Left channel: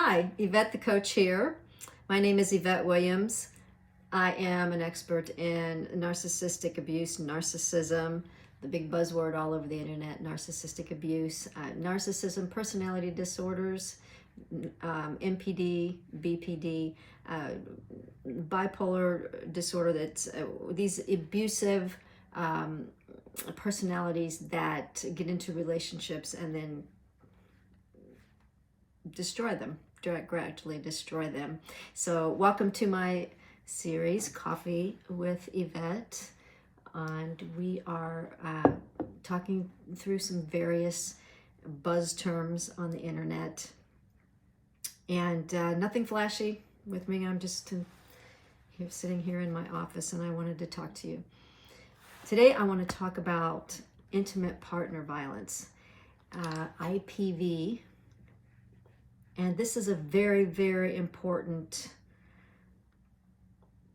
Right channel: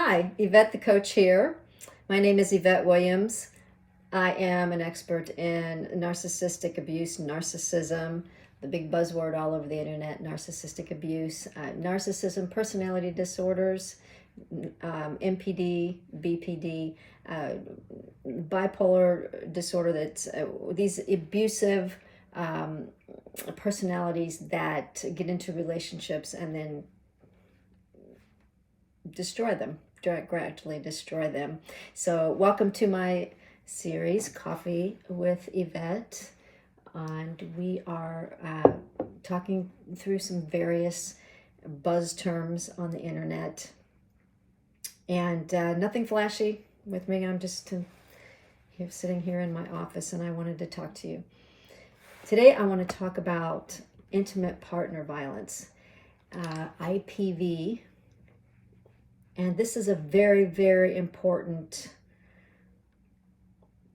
Hi, Yvette the coach here. My name is Yvette Williams. I am an expert in narcissistic abuse, narcissism, the big buzzword all over the internet, narcissistic abuse, narcissism, personality disorders, MPD, BPD, bipolar disorder, that's these abusive personalities that get into relationships and then destroy them, gradually destroy them. So welcome to my series, Coffee with Yvette, and we are talking through some various buzz terms on the internet, and nothing flashy with me. I'm just sitting here in my office, and I wanted to talk to you. Today I want to talk about intimate partner violence, IPV. And this is a very, very important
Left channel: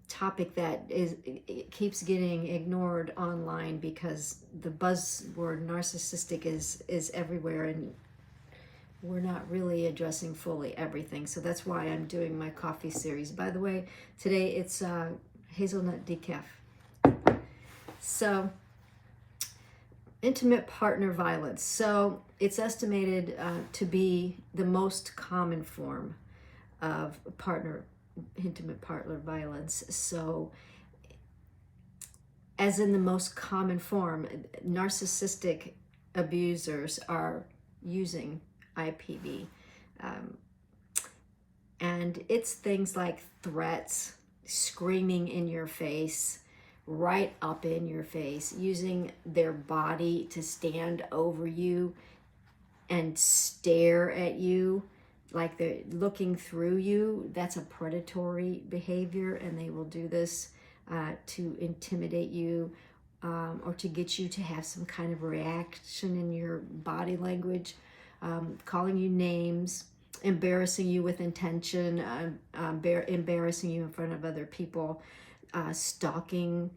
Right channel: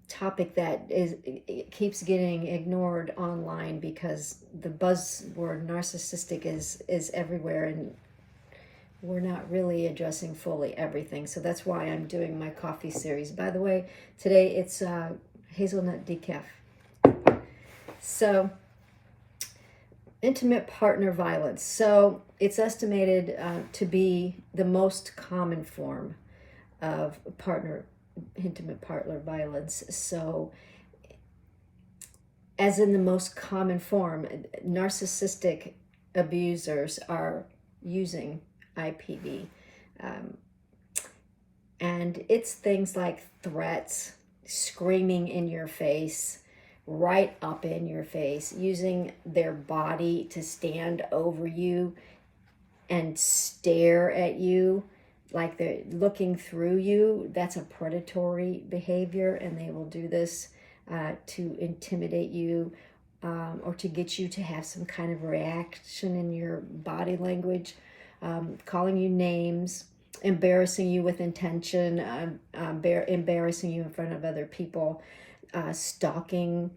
topic that it keeps getting ignored online because the buzzword narcissistic is everywhere, and we're not really addressing fully everything. So that's why I'm doing my coffee series. By the way, today it's hazelnut decaf. So, intimate partner violence. So it's estimated to be the most common form of intimate partner violence. So as in the most common form, narcissistic abusers are using IPV. And it's things like threats, screaming in your face, right up in your face, using their body to stand over you and stare at you like they're looking through you. That's a predatory behavior, and they will do this to intimidate you or to get you to have some kind of reaction in your body language, calling you names, embarrassing you with intention, embarrassing you in front of other people, stalking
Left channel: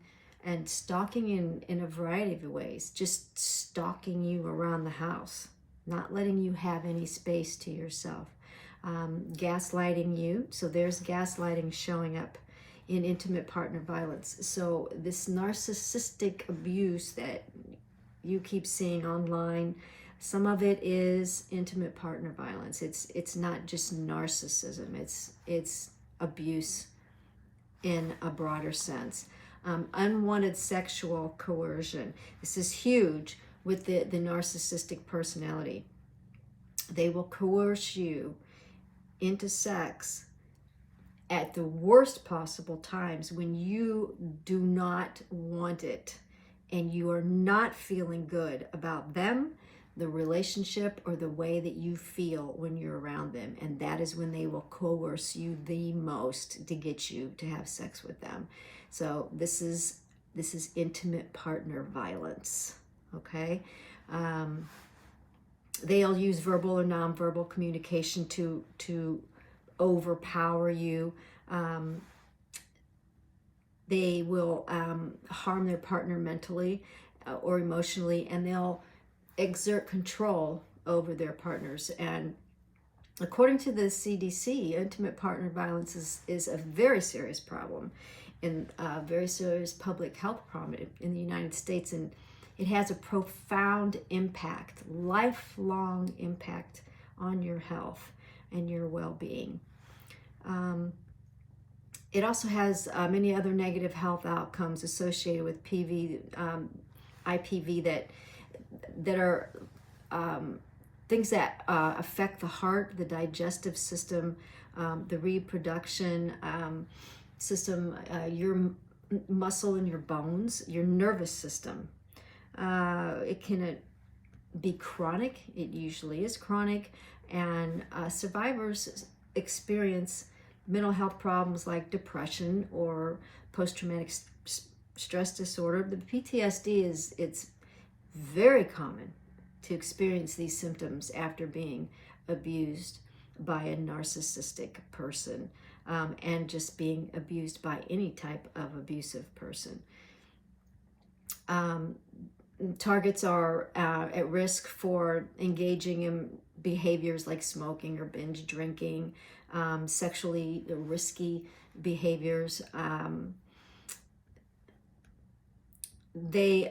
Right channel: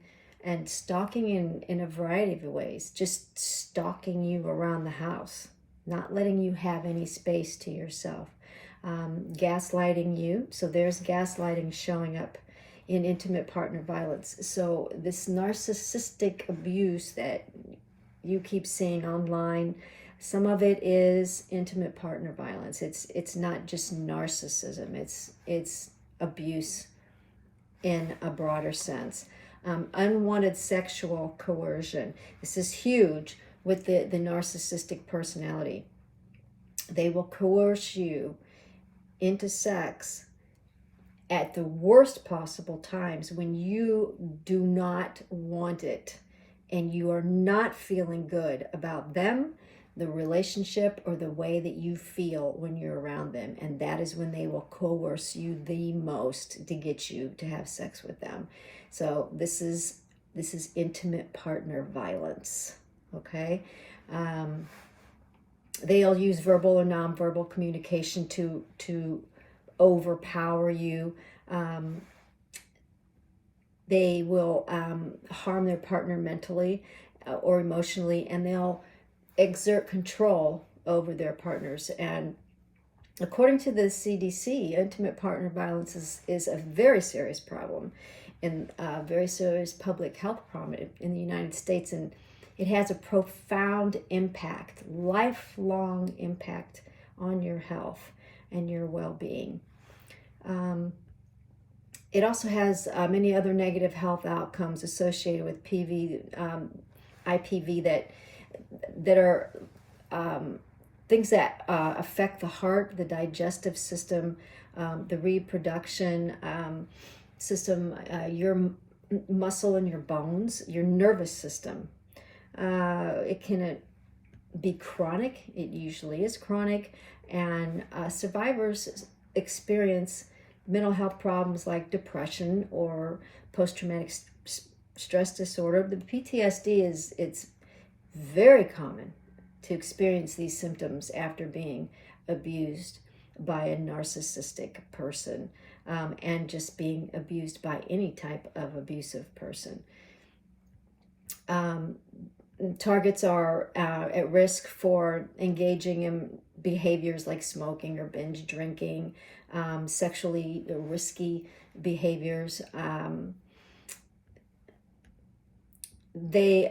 in a variety of ways, just stalking you around the house, not letting you have any space to yourself, gaslighting you. So there's gaslighting showing up in intimate partner violence. So this narcissistic abuse that you keep seeing online, some of it is intimate partner violence. It's not just narcissism, it's abuse in a broader sense. Unwanted sexual coercion. This is huge with the narcissistic personality. They will coerce you into sex at the worst possible times when you do not want it and you are not feeling good about them, the relationship, or the way that you feel when you're around them. And that is when they will coerce you the most to get you to have sex with them. So this is intimate partner violence, okay? They'll use verbal or nonverbal communication to overpower you. They will harm their partner mentally or emotionally, and they'll exert control over their partners. And according to the CDC, intimate partner violence is a very serious problem, and a very serious public health problem in the United States, and it has a profound impact, lifelong impact on your health and your well-being. It also has many other negative health outcomes associated with IPV that are things that affect the heart, the digestive system, the reproduction system, your muscle and your bones, your nervous system. It can be chronic. It usually is chronic, and survivors experience mental health problems like depression or post-traumatic stress disorder. The PTSD it's very common to experience these symptoms after being abused by a narcissistic person, and just being abused by any type of abusive person. targets are at risk for engaging in behaviors like smoking or binge drinking, sexually risky behaviors. They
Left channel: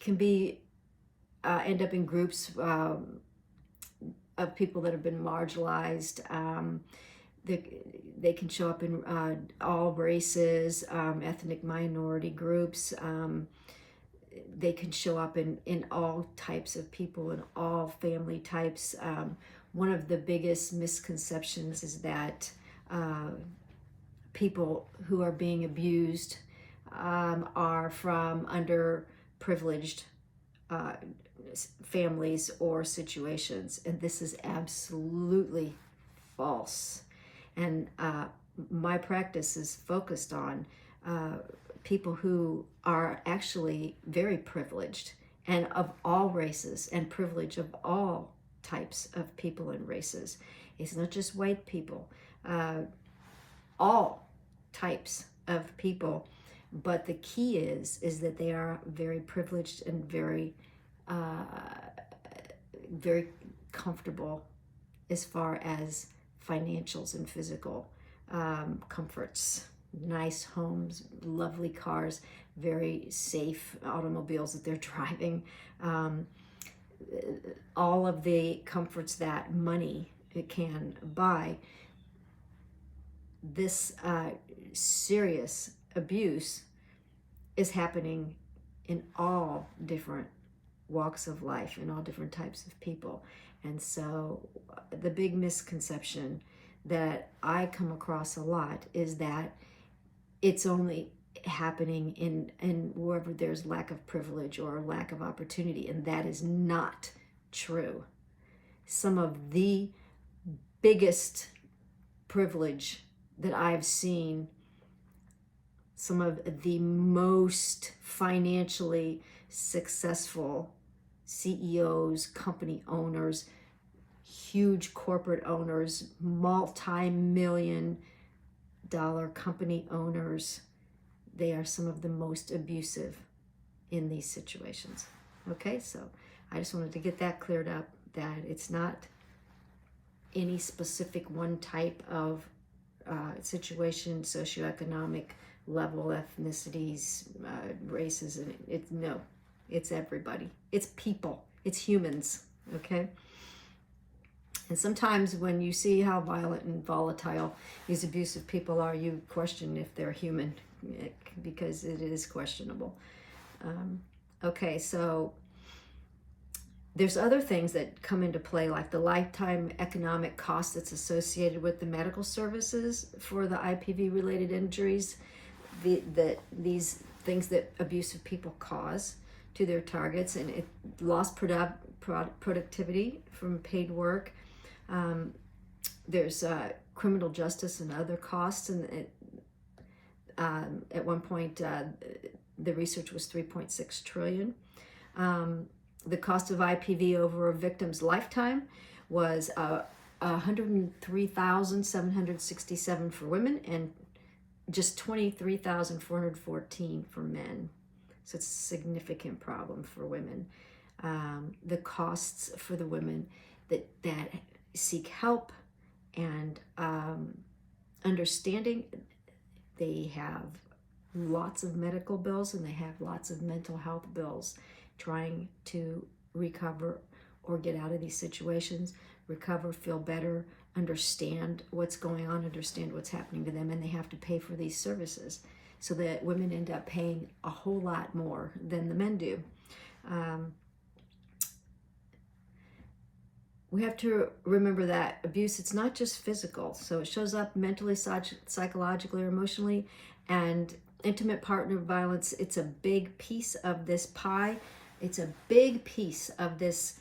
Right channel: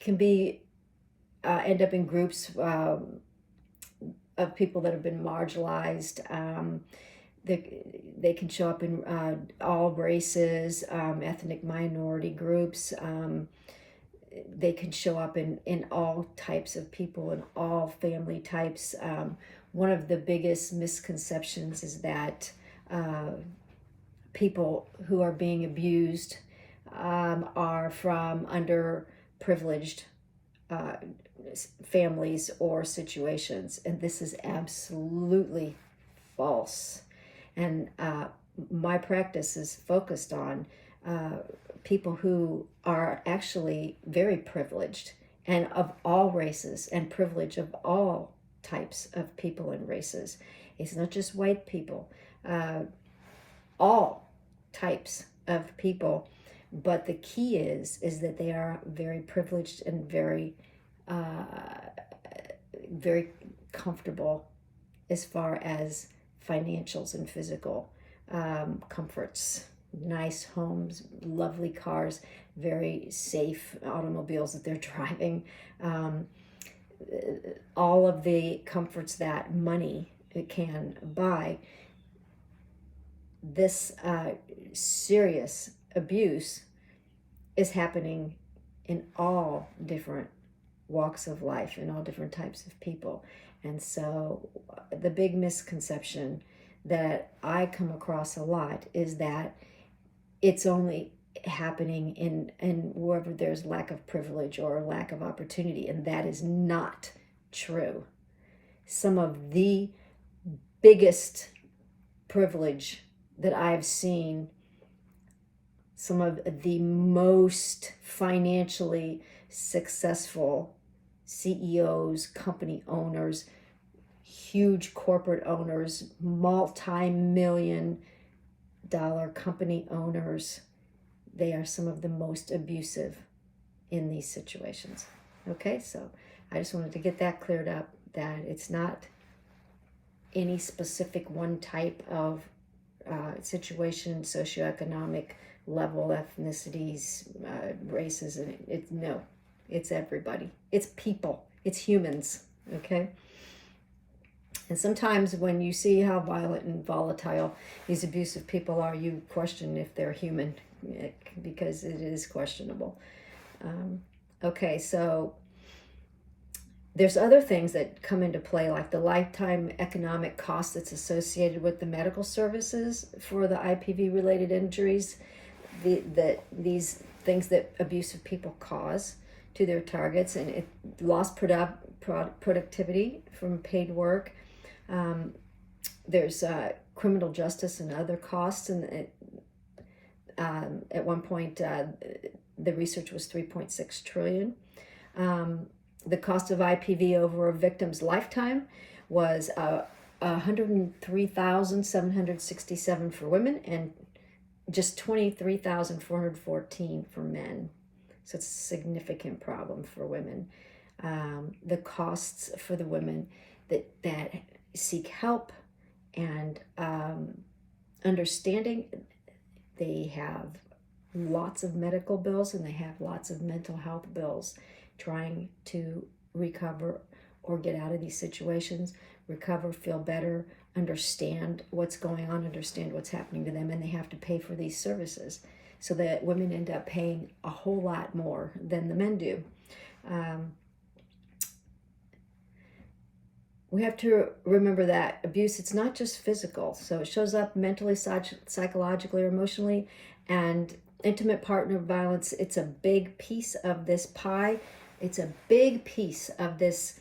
can be end up in groups of people that have been marginalized. They can show up in all races, ethnic minority groups. They can show up in all types of people and all family types. One of the biggest misconceptions is that people who are being abused are from underprivileged families or situations, and this is absolutely false. And my practice is focused on people who are actually very privileged, and of all races, and privilege of all types of people and races. It's not just white people, all types of people. But the key is that they are very privileged and very comfortable as far as financials and physical comforts, nice homes, lovely cars, very safe automobiles that they're driving, all of the comforts that money can buy. This serious abuse is happening in all different walks of life and all different types of people. And so the big misconception that I come across a lot is that it's only happening in wherever there's lack of privilege or lack of opportunity, and that is not true. Some of the biggest privilege that I've seen, some of the most financially successful CEOs, company owners, huge corporate owners, multi-million-dollar company owners, they are some of the most abusive in these situations. Okay, so I just wanted to get that cleared up, that it's not any specific one type of situation, socioeconomic level, ethnicities, races. It's everybody. It's people. It's humans. Okay. And sometimes when you see how violent and volatile these abusive people are, you question if they're human, because it is questionable. Okay, so there's other things that come into play, like the lifetime economic cost that's associated with the medical services for the IPV-related injuries, these things that abusive people cause to their targets, and it lost productivity from paid work. There's criminal justice and other costs, and at one point the research was $3.6 trillion. The cost of IPV over a victim's lifetime was $103,767 for women and just $23,414 for men. So it's a significant problem for women. The costs for the women that seek help and understanding, they have lots of medical bills and they have lots of mental health bills, trying to recover or get out of these situations, recover, feel better, understand what's going on, understand what's happening to them, and they have to pay for these services. So that women end up paying a whole lot more than the men do. We have to remember that abuse, it's not just physical. So it shows up mentally, psychologically, or emotionally, and intimate partner violence, it's a big piece of this pie. It's a big piece of this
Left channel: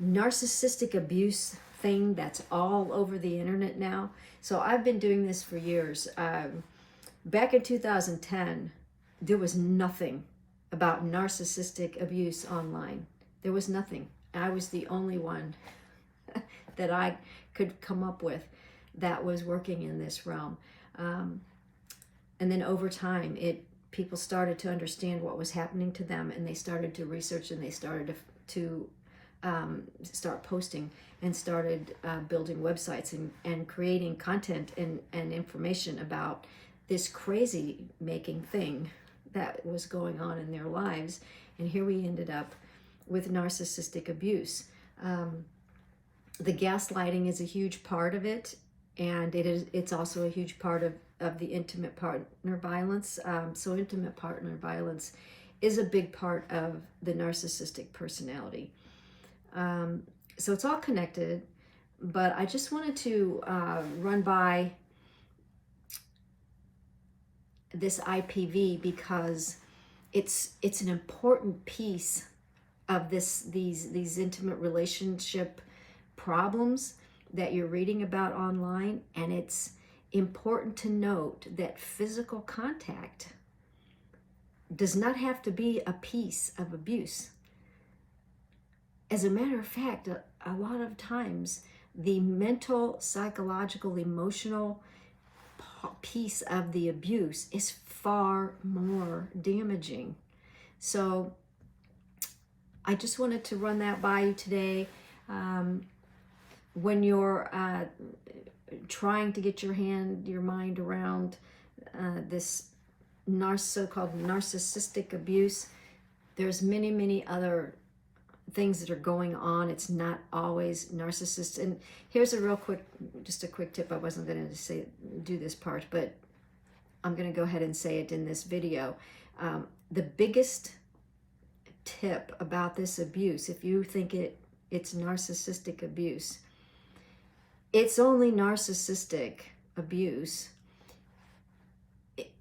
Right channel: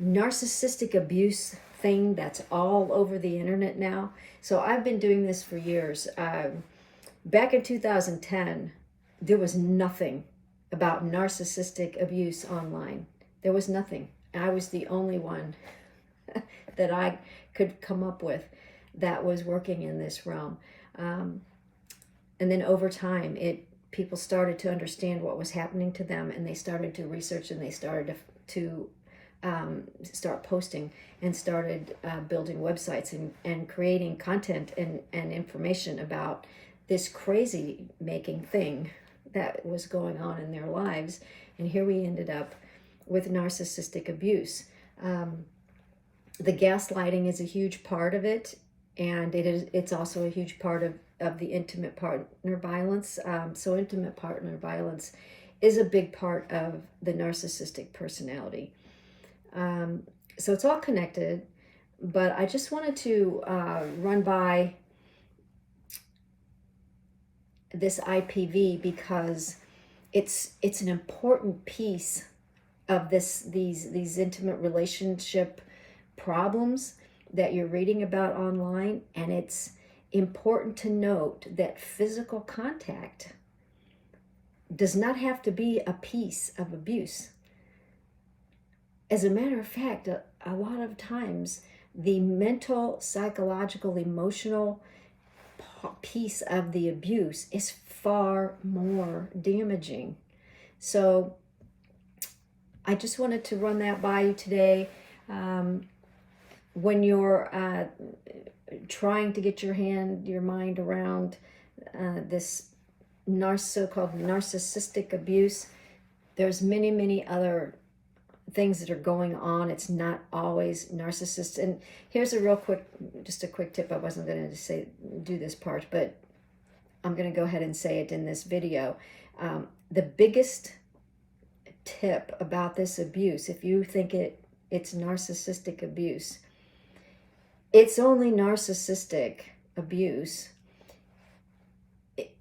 narcissistic abuse thing that's all over the internet now. So I've been doing this for years. Back in 2010, there was nothing about narcissistic abuse online. There was nothing. I was the only one that I could come up with that was working in this realm. And then over time, it people started to understand what was happening to them, and they started to research, and they started to start posting, and started building websites and creating content and information about this crazy making thing that was going on in their lives. And here we ended up with narcissistic abuse. The gaslighting is a huge part of it, and it's also a huge part of the intimate partner violence. So intimate partner violence is a big part of the narcissistic personality. So it's all connected, but I just wanted to run by this IPV because it's an important piece of these intimate relationship problems that you're reading about online, and it's important to note that physical contact does not have to be a piece of abuse. As a matter of fact, a lot of times the mental, psychological, emotional piece of the abuse is far more damaging. So I just wanted to run that by you today. When you're trying to get your mind around this so-called narcissistic abuse, there's many other things that are going on. It's not always narcissists. And here's a quick tip. I wasn't going to do this part, but I'm going to go ahead and say it in this video. The biggest tip about this abuse, if you think it's narcissistic abuse, it's only narcissistic abuse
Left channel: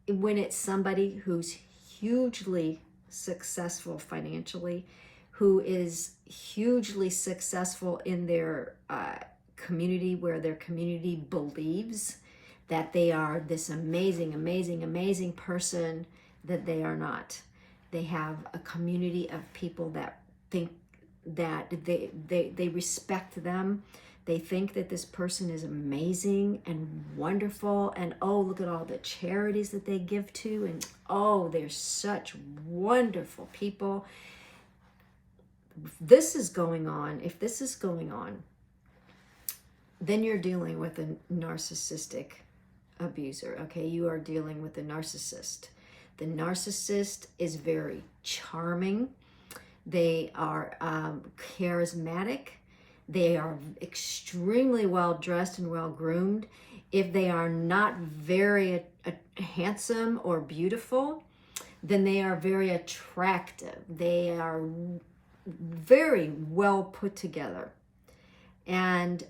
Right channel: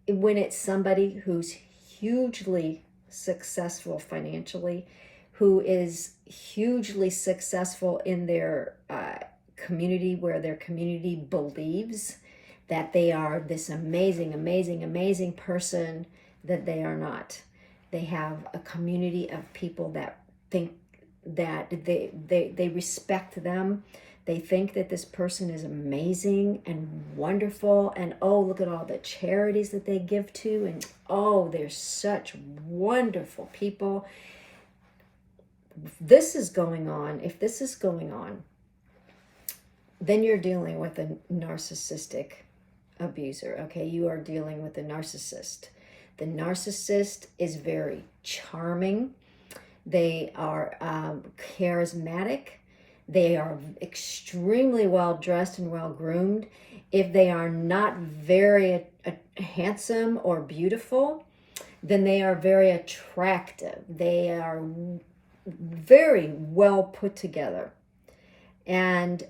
when it's somebody who's hugely successful financially, who is hugely successful in their community, where their community believes that they are this amazing person that they are not. They have a community of people that think that they respect them. They think that this person is amazing and wonderful, and oh, look at all the charities that they give to, and oh, they're such wonderful people. If this is going on, then you're dealing with a narcissistic abuser, okay? You are dealing with a narcissist. The narcissist is very charming. They are charismatic. They are extremely well dressed and well groomed. If they are not very handsome or beautiful, then they are very attractive. They are very well put together. And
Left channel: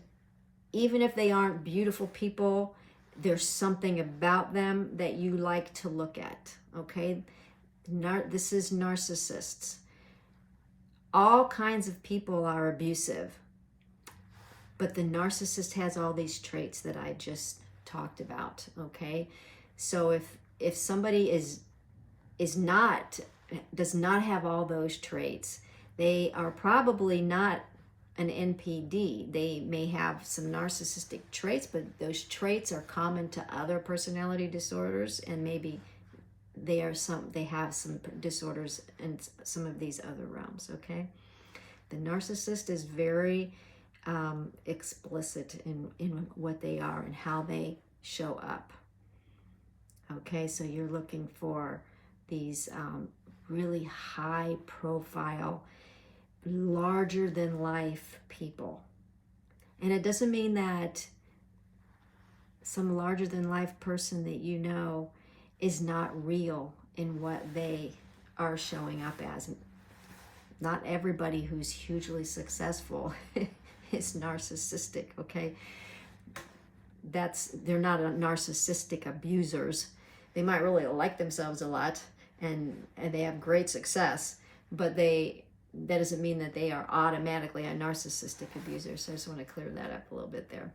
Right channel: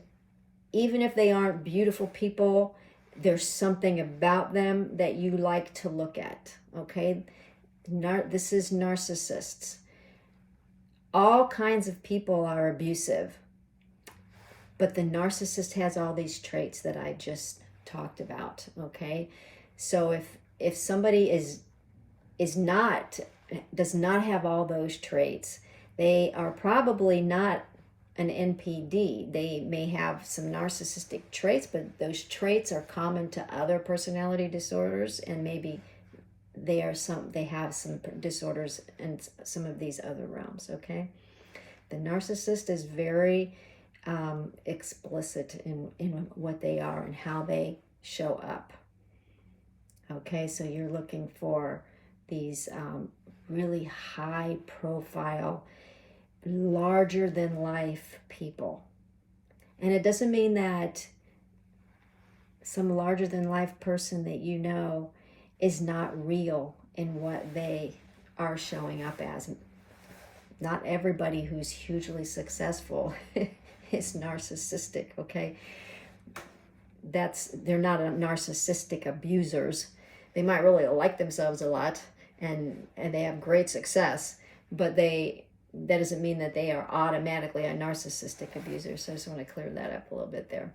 even if they aren't beautiful people, there's something about them that you like to look at, okay? This is narcissists. All kinds of people are abusive, but the narcissist has all these traits that I just talked about, okay? So if somebody does not have all those traits, they are probably not an NPD. They may have some narcissistic traits, but those traits are common to other personality disorders, and maybe they have some disorders in some of these other realms, okay? The narcissist is very explicit in what they are and how they show up. Okay, so you're looking for these really high profile, larger than life people. And it doesn't mean that some larger than life person that you know is not real in what they are showing up as. Not everybody who's hugely successful is narcissistic, okay? They're not narcissistic abusers. They might really like themselves a lot and they have great success, but that doesn't mean that they are automatically a narcissistic abuser. So I just want to clear that up a little bit there.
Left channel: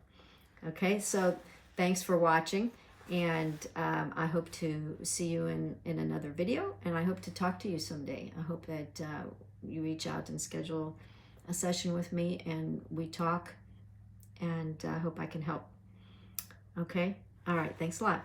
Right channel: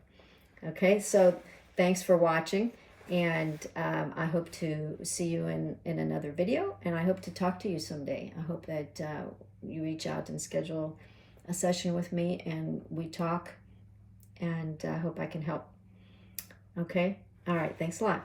Okay, so thanks for watching, and I hope to see you in another video, and I hope to talk to you someday. I hope that you reach out and schedule a session with me and we talk, and I hope I can help. Okay, all right, thanks a lot.